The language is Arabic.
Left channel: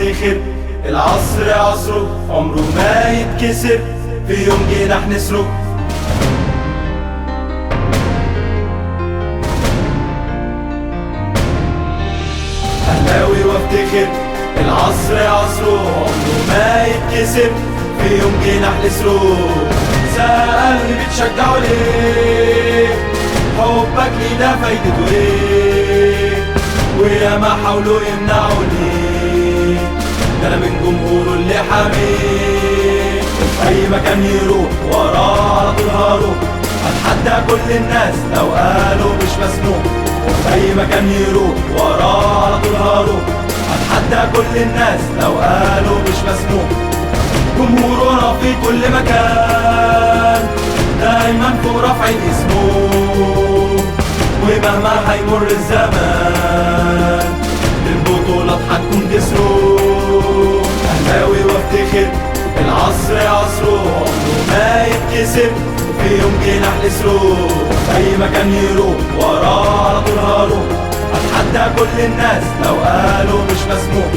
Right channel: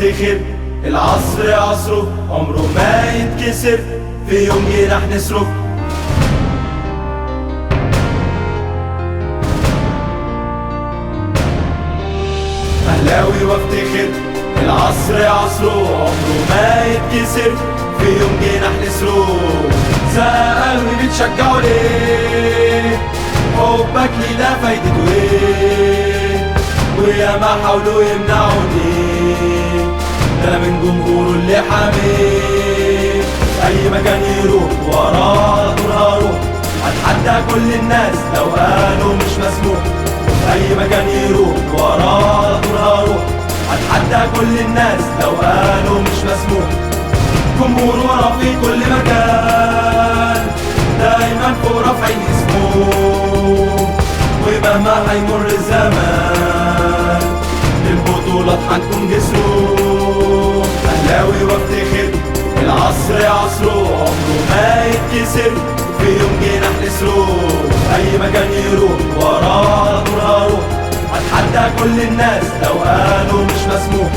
وافتخر، العصر عصره عمره ما يتكسر، في يوم جه رح نسره. أهلاوي وافتخر، العصر عصره عمره ما يتكسر، في يوم جه رح نسره. سألني بتشجعوا ليه؟ حبك لي ده فايدته ايه؟ ويا ما حاولوا يمنعوني، ده انا من جمهوره اللي حاميه. اي مكان يروح وراه على طول هروح، هتحدى كل الناس لو قالوا مش مسموح. اي مكان يروح وراه على طول هروح، هتحدى كل الناس لو قالوا مش مسموح. جمهورنا في كل مكان دايما فوق رافعين اسمه، ومهما هيمر الزمان للبطولات هتكون جسره. أهلاوي وافتخر، العصر عصره عمره ما يتكسر، في يوم جه رح نسره. أي مكان يروح وراه على طول هروح، هتحدى كل الناس لو قالوا مش مسموح.